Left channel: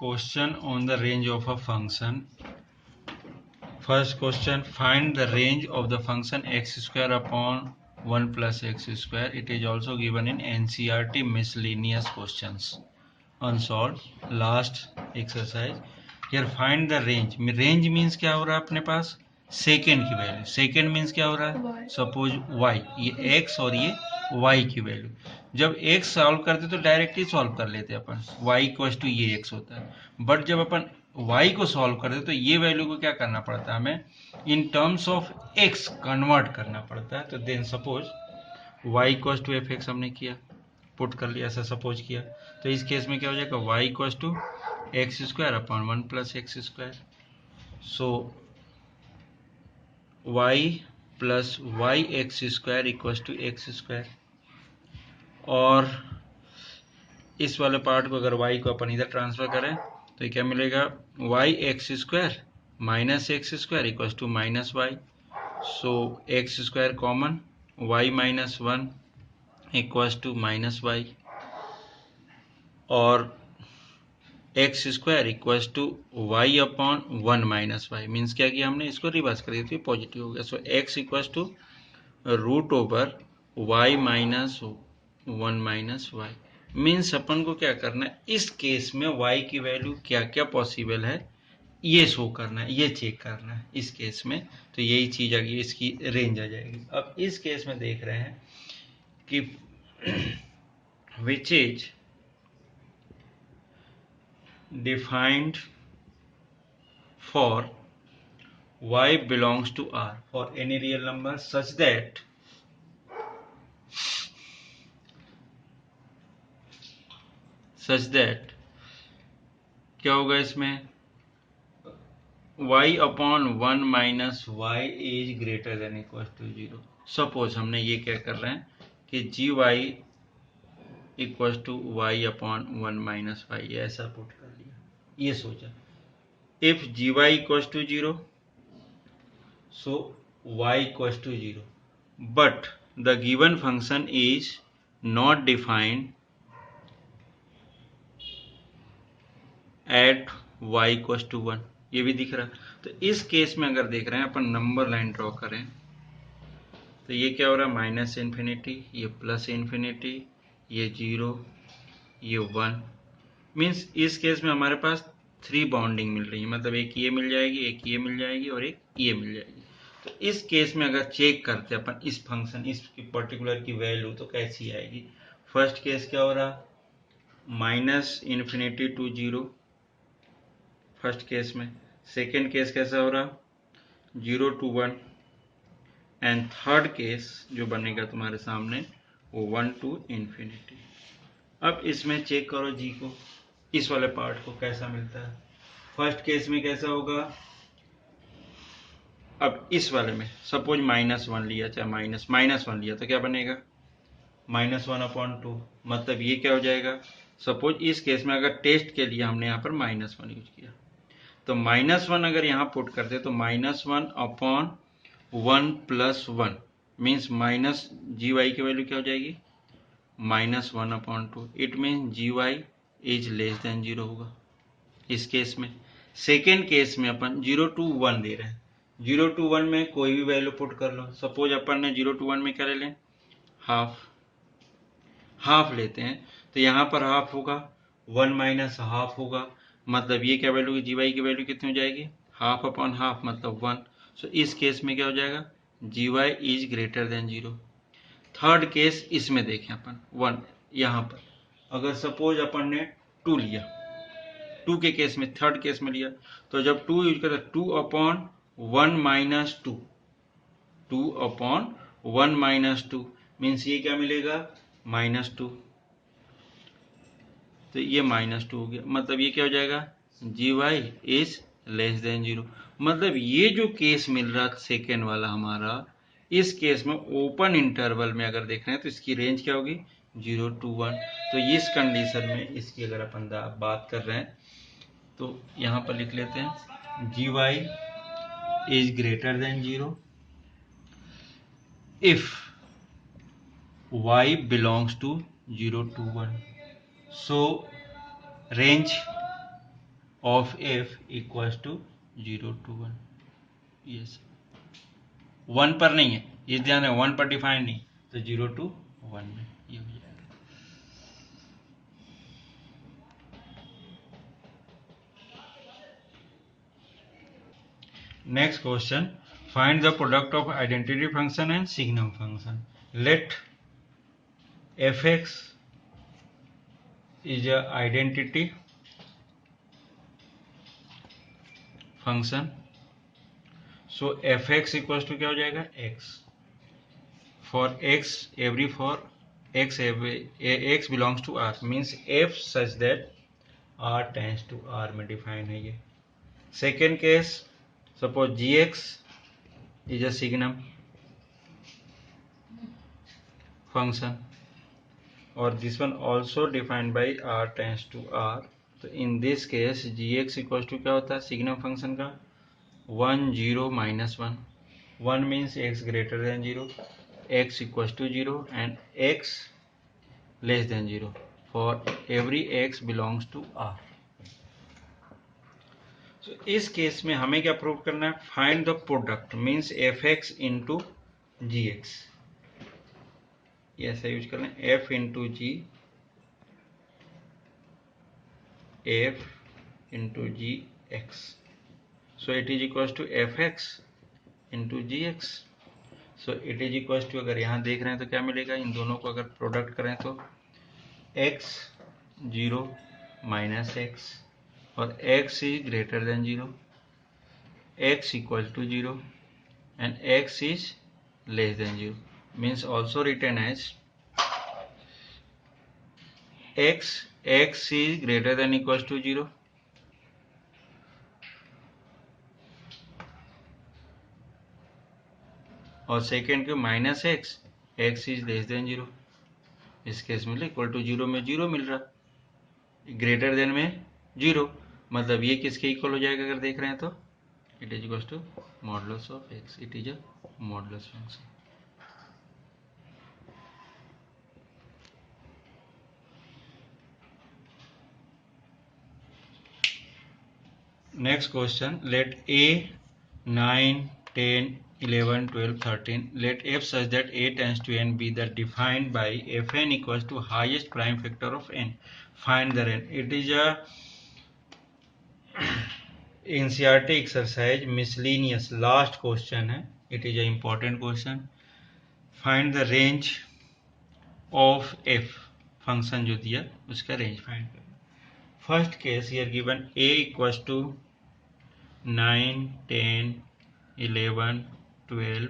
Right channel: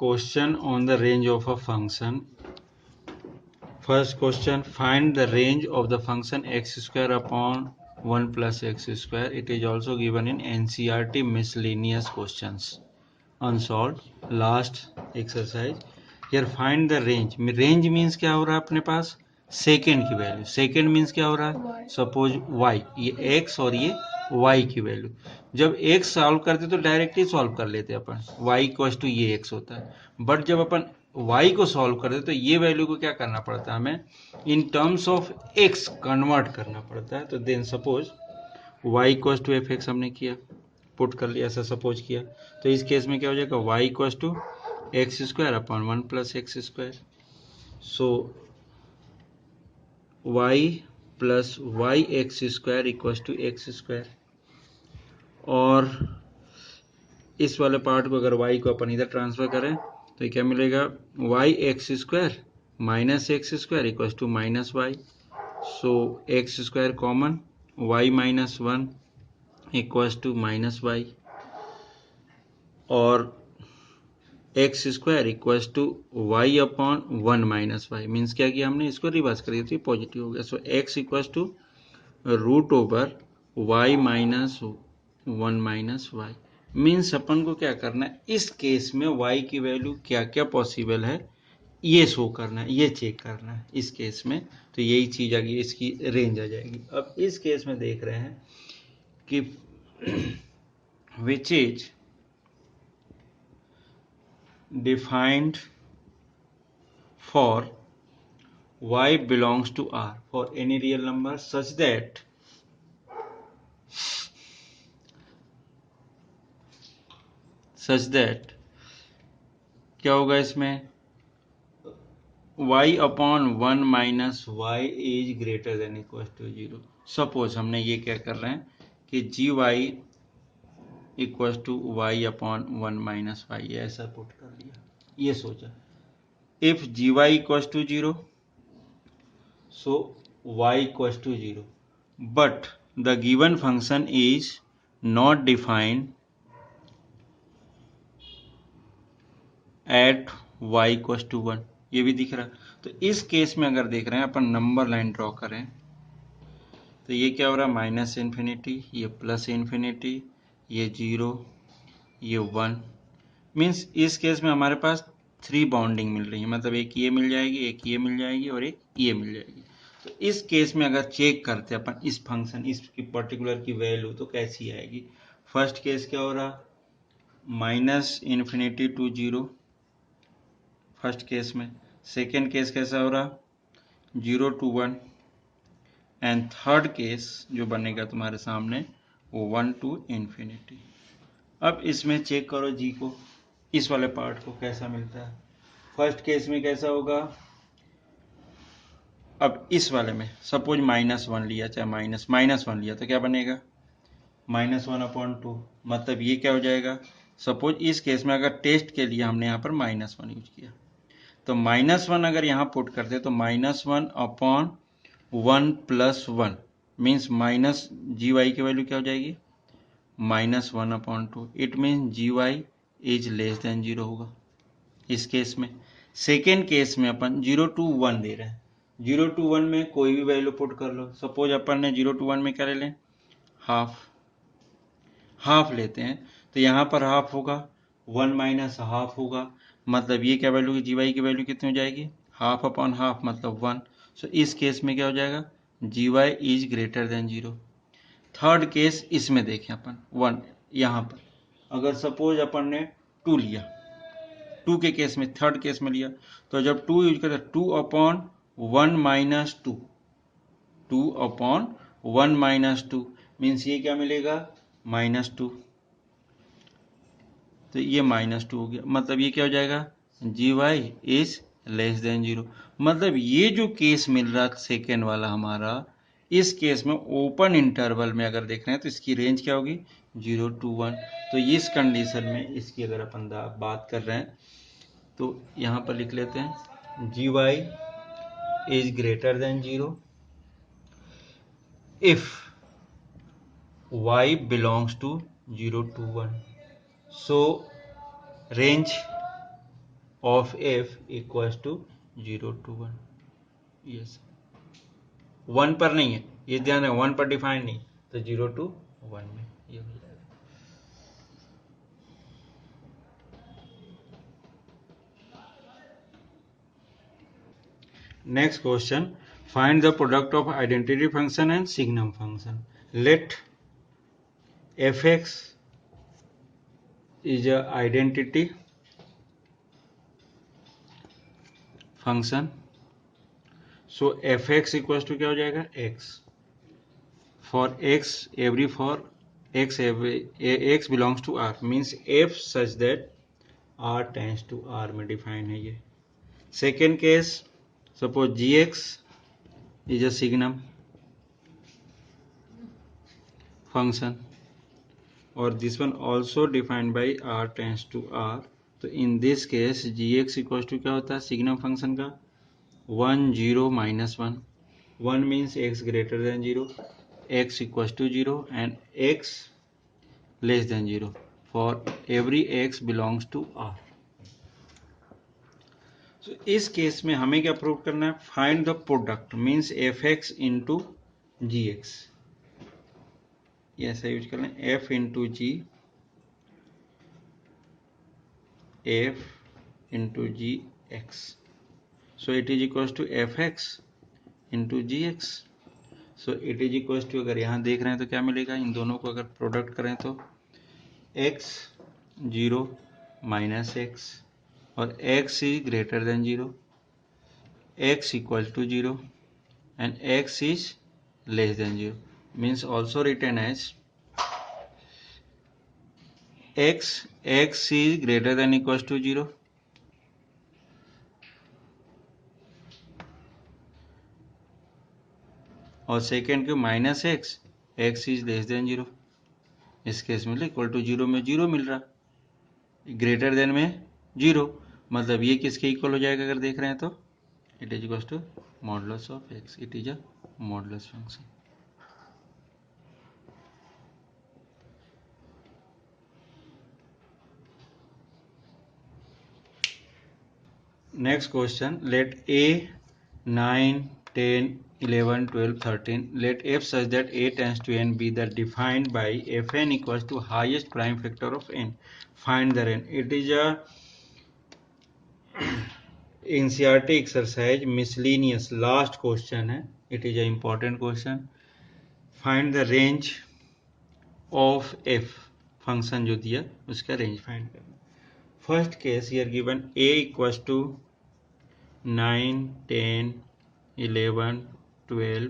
question on the range of a function. First question, find the range of the function x square upon 1 plus x square. It is also given in NCERT miscellaneous questions. Unsolved. Last exercise. Here find the range. Range means क्या हो रहा है अपने पास? Second की value. Second means क्या हो रहा है? सपोज y, ये x और ये y की वैल्यू. जब x सॉल्व करते तो डायरेक्ट ही सॉल्व कर लेते अपन. y इक्वल टू ये x होता है. बट जब अपन y को सॉल्व करते तो ये वैल्यू को क्या करना पड़ता है हमें? In terms of x convert करना पड़ता है. तो then suppose y equal to F X हमने किया, पुट कर लिया, ऐसा सपोज किया. तो इस केस में क्या हो जाएगा? y equal to X square upon 1 plus X square. So y plus Y X square equal to X square. और इस वाले पार्ट को अगर y को अपन इधर ट्रांसफर करें तो ये क्या मिलेगा? Y X square minus X square equal to minus Y. So X square common, y minus 1 equal to minus Y. और X square equal to Y upon 1 minus Y. Means क्या किया हमने? इसको रिवर्स कर दिया तो पॉजिटिव हो गया. So x equal to root over y minus 1 minus Y. Means अपन को क्या करना है? इस केस में y की वैल्यू क्या क्या पॉसिबल है ये शो करना है, ये चेक करना है इस केस में. तो यही चीज आ गई, इसकी रेंज आ जाएगी. अब इस केस में देख रहे हैं कि which is defined for y belongs to R for any real number such that क्या होगा इसमें? y upon 1 minus y is greater than equal to 0. Suppose हमने ये क्या कर रहे हैं कि g y equal to Y upon 1 minus y, ऐसा पुट कर लिया. ये सोचा if g y equal to 0 so y equals to 0, but the given function is not defined at y equals to 1. ये भी दिख रहा है. तो इस केस में अगर देख रहे हैं अपन नंबर लाइन ड्रॉ करें तो ये क्या हो रहा है? माइनस इन्फिनिटी, ये प्लस इन्फिनिटी, ये 0, ये 1. मीन्स इस केस में हमारे पास 3 बाउंडिंग मिल रही है. मतलब एक ये मिल जाएगी, एक ये मिल जाएगी और एक ये मिल जाएगी. तो इस केस में अगर चेक करते हैं अपन इस फंक्शन, इस पर्टिकुलर की वैल्यू तो कैसी आएगी? फर्स्ट केस क्या हो रहा? Minus infinity to 0 first case में. सेकेंड केस कैसा हो रहा? 0 टू 1. एंड थर्ड केस जो बनेगा तुम्हारे सामने वो 1 टू इन्फिनिटी. अब इसमें चेक करो जी को, इस वाले पार्ट को कैसा मिलता है. फर्स्ट केस में कैसा होगा? अब इस वाले में सपोज माइनस 1 लिया, चाहे माइनस 1 लिया तो क्या बनेगा? Minus 1 upon 2. मतलब ये क्या हो जाएगा? सपोज इस केस में अगर टेस्ट के लिए हमने यहाँ पर माइनस 1 यूज किया तो माइनस 1 अगर यहाँ पुट करते तो minus 1 upon 1 plus 1 means minus g y की वैल्यू क्या हो जाएगी? Minus 1 upon 2. It means g y is less than 0 होगा इस केस में. सेकेंड केस में अपन 0 टू 1 दे रहे हैं. 0 टू 1 में कोई भी वैल्यू पुट कर लो. सपोज अपन ने 0 टू 1 में क्या ले लें? हाफ लेते हैं. तो यहाँ पर हाफ होगा, 1 माइनस हाफ होगा. मतलब ये क्या वैल्यू? जी वाई की वैल्यू कितनी हो जाएगी? हाफ अपॉन हाफ मतलब 1. सो इस केस में क्या हो जाएगा? G y is greater than 0. Third case इसमें देखें अपन 1 यहाँ पर अगर सपोज अपन ने 2 लिया, 2 के केस में थर्ड केस में लिया तो जब 2 यूज करते 2 upon 1 minus 2, 2 upon 1 minus 2 means ये क्या मिलेगा? माइनस 2. तो ये माइनस 2 हो गया. मतलब ये क्या हो जाएगा? G y is less than 0. मतलब ये जो केस मिल रहा सेकेंड वाला हमारा, इस केस में ओपन इंटरवल में अगर देख रहे हैं तो इसकी रेंज क्या होगी? 0 टू 1. तो इस कंडीशन में इसकी अगर अपन बात कर रहे हैं तो यहाँ पर लिख लेते हैं g y is greater than 0 if y belongs to 0 to 1. So range of f equals to 0 to 1। Yes, 1 पर नहीं है, ये ध्यान है, 1 पर डिफाइन नहीं, तो 0 to 1 में ये हो जाएगा। Next question, find the product of identity function and signum function. Let fx is a identity function, so fx equals to क्या हो जाएगा, x for x x belongs to R, means f such that R tends to R में define है ये। Second case, suppose gx is a signum function or this one also defined by R tends to R, तो in this case gx equals to क्या होता है signum function का 1 0 -1, 1 means x greater than 0, x equals to 0 and x less than 0 for every x belongs to R। so इस केस में हमें क्या प्रूव करना है, find the product means fx into G X, ऐसा यूज करना है, f into G, f into G X, so it is equals to fx into G X, so it is equals to, अगर यहाँ देख रहे हैं तो क्या मिलेगा, इन दोनों को अगर प्रोडक्ट करें तो x 0 माइनस x और x is greater than 0, x equal to 0 and x is less than 0, means also written as x is greater than equals to 0 और सेकेंड के minus x is less than 0, इस केस में equal to 0 में 0 मिल रहा, greater than में 0, मतलब ये किसके इक्वल हो जाएगा, अगर देख रहे हैं तो it is equal to modulus of x, it is a modulus function. Next question, let a 9 10 11 12 13 let f such that a tends to n be that defined by fn equals to highest prime factor of n, find the n। it is a NCERT exercise miscellaneous, last question है, it is a important question, find the range of f, function जो दिया उसका range find करना। First case here given a equals to 9 10 11 12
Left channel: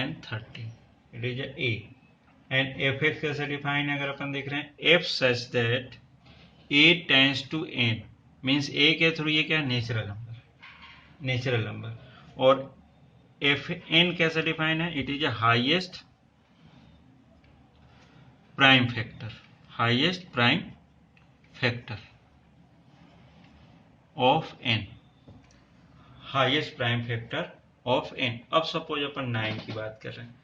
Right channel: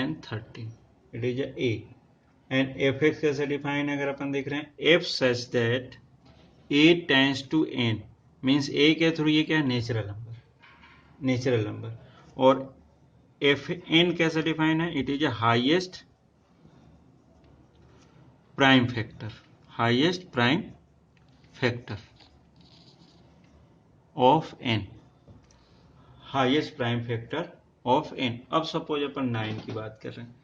and 13, it is a and fx कैसे define है, अगर अपन देख रहे हैं f such that a tends to n, means a के थ्रू ये क्या है, नेचुरल नंबर, और एफ एन कैसे डिफाइन है, it is a highest prime factor of N, highest prime factor of N. अब सपोज अपन 9 की बात कर रहे हैं,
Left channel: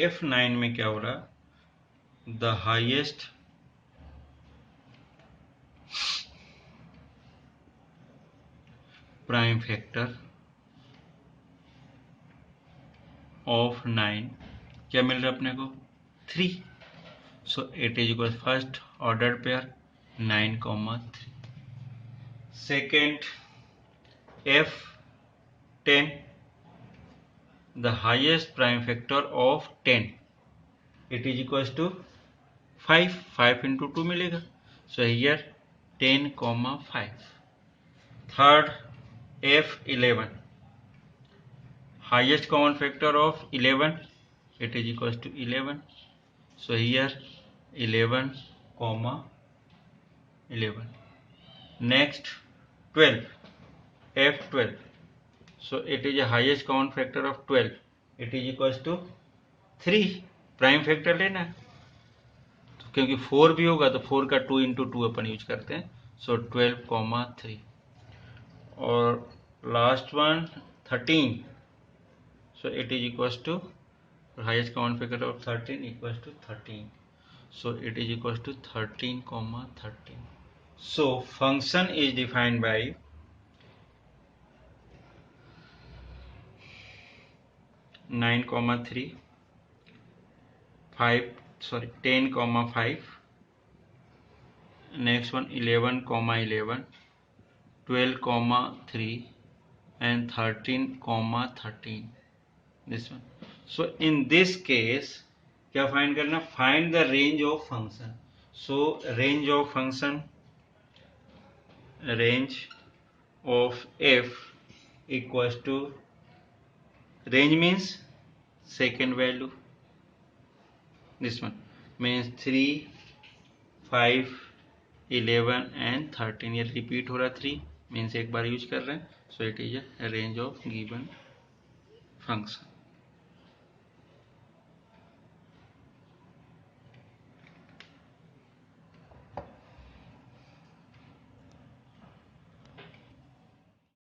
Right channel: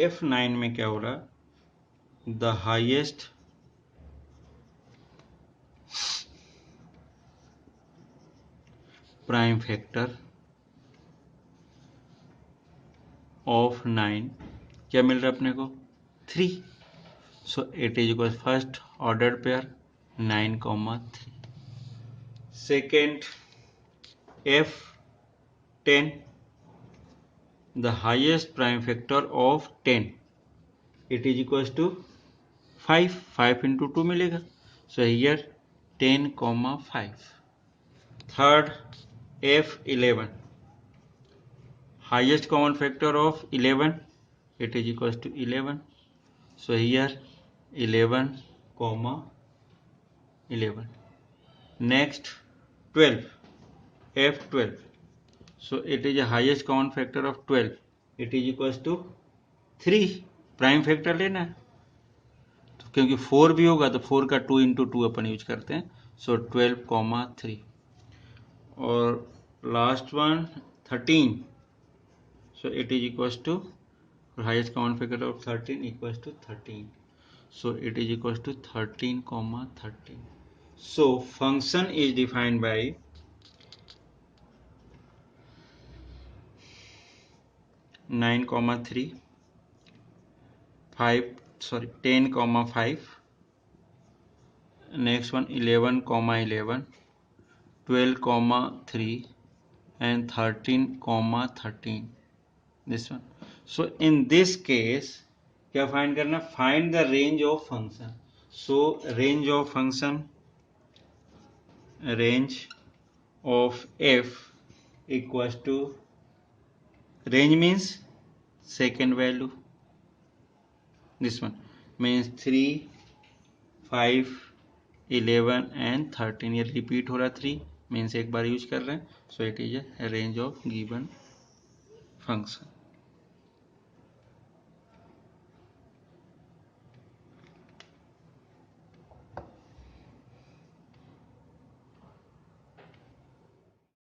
f9 में क्या हो रहा, the highest prime factor of 9 क्या मिल रहा है अपने को, 3, सो it is equal first order pair 9,3, second f10 the highest prime factor of 10, it is equals to 5 into 2 मिलेगा, so here 10,5, third f11 highest common factor of 11, it is equals to 11, so here 11,11, next 12 f12, so it is a highest common factor of 12, it is equals to 3, prime factor लेना है तो क्योंकि 4 भी होगा तो 4 का 2 into 2 अपन use करते हैं, सो 12,3, और last one 13, so it is equals to और highest common factor of 13 equals to 13. So it is equals to 13 comma 13. So function is defined by 9 comma 3, 10 comma 5, next one 11 comma 11, 12 comma 3 and 13 comma 13, this one. So in this case क्या find करना, find the range of function. So range of function, range of f equals to, range means second value, this one means 3, 5, 11 and 13. ये repeat हो रहा 3 means एक बार use कर रहे हैं. सो it is a range of given function.